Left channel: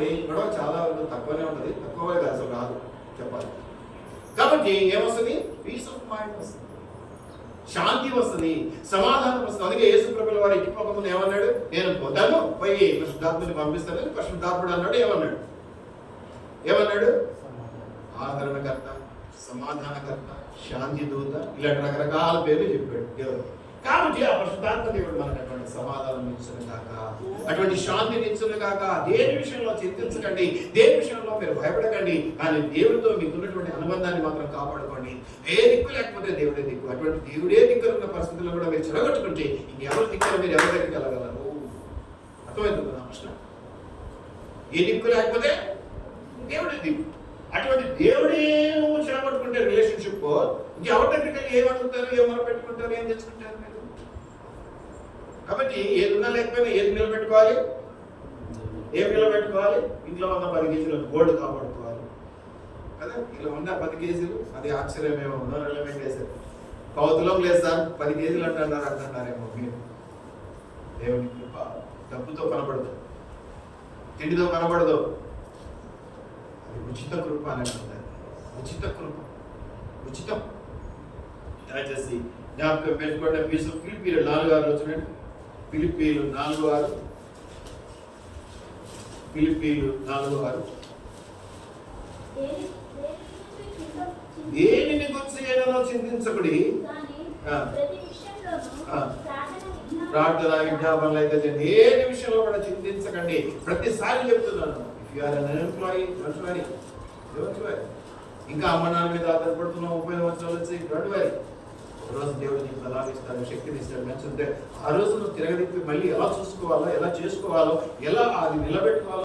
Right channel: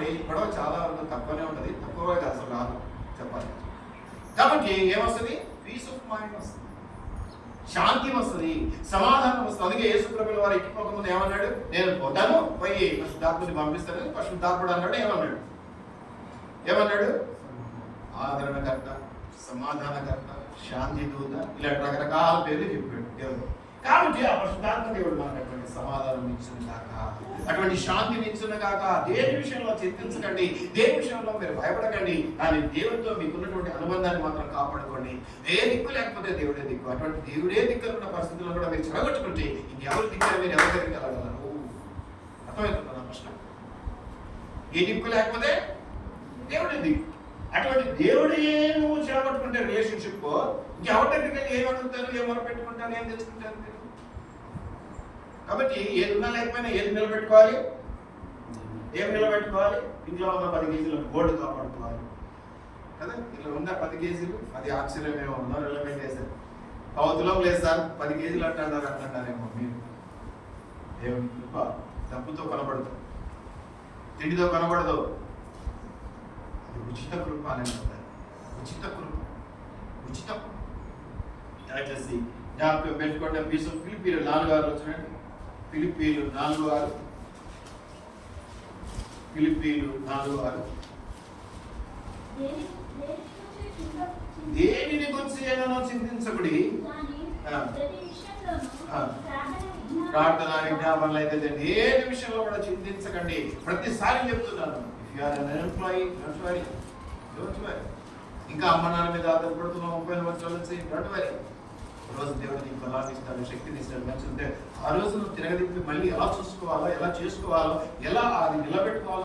అనుకోండి, గొడవ చాలా వరకు తక్కువనే ఉంటుంది, తక్కువ అసలు రాదు చెప్పాలి. కాబట్టి ఏమొస్తుంది? పీస్ ఆఫ్ మైండ్ వస్తుంది, శాంతి వస్తుంది, సమాధానం వస్తుంది. అందుకే యేసు ప్రభువుల వారు ఎక్కిపోకముందు ఏమన్నాడు? నేను పోతాను, పోయి పరిశుద్ధాత్మని పంపిస్తాను. పరిశుద్ధాత్ముడు అన్నాడు, ఏమన్నాడు? ఆదరణకర్త, సమాధానకర్త, శాంతి దూత, ఇలాంటి రకరకాల పేర్లు చెప్పాడు దేవుడు. కాబట్టి ఆ పరిశుద్ధాత్మ దేవుడు మనకు అటువంటి సమాధానం ఇచ్చిన కాక, అటువంటి శాంతిని ఇచ్చిన కాక, దేని విషయంలో చింతించకండి, దేని విషయంలో మీరు భయపడకండి, కానీ దేవుడితో మీకున్నటువంటి అనుబంధాన్ని మాత్రం కాపాడుకోండి. ఏ దిక్కు లేకపోతే దేవుడే దిక్కు. అటువంటి దేవుడే దిక్కులు ఉన్న పరిస్థితుల్లో కూడా మీరు చెడగొట్టుకుంటే ఇంకెవరి దిక్కు మీరు ఎవరి దగ్గరికి వెళ్ళగలరు? అర్థమవుతుంది నా ప్రశ్న? ఏ దిక్కు లేకపోతే దేవుడే దిక్కు. అటువంటి దేవుడే నువ్వు చెడగొట్టుకుంటే రిలేషన్షిప్, ఇంకెవరి దగ్గరికి వెళ్ళి ఏం అడుగుతారు, ఏం మొరపెట్టుకుంటారు, ఏం తెచ్చుకుంటారు మీరు? కాబట్టి ఏది ఉన్నా లేకపోయినా ఏది నిలబెట్టుకోవాలి? ఏం నిలబెట్టుకోవాలి? ఇంట్లో ఉన్న 10 కేజీలు గోల్డ్ కాపాడుకోవాలి కదా. ఇలా ఉన్న 10 కేజీలు, అది ఆశ్చర్యమేమో, నిలబెట్టి వేశారు. కౌతులం లేదు సార్, 10 కేజీలు అంటున్నారేమో మీరు. దేవుని కృప డబ్బుతో కనబడదు, తిండితో కనబడదు, అది ఉచిత కృప అని అంటారు. ఉచిత కృప, ఉచితం. దయచేసి జ్ఞాపకం పెట్టుకోండి. ఫిలిప్పీలు 4:6 చూడండి. ఫిలిప్పీలు 4:6. ఫిలిప్పీలు 4:6. దేనిని గురించి ఏదైనా చింతించకుడి, ప్రార్థన విజ్ఞాపనలు అయితే దేని విషయంలో కూడా చింతించకండి. ప్రతిసారి చెప్తున్నాను, if you are an employee don't worry. ఇంకా అమ్మ నాన్న మీద ఆధారపడుతున్నాం 30 సంవత్సరాల నుంచి, డోంట్ వరీ. రోజు దేవుడు నీకు బలాన్ని ఇస్తాడు, శక్తిని ఇస్తాడు, మంచి ఉంటే ఆ రోజు నువ్వు తిరగదిప్పి మళ్ళీ ఎలా చూసుకోవాలో, ఎలా చేసుకోవాలో, ఎలా అది నిలబెట్టుకోవాలో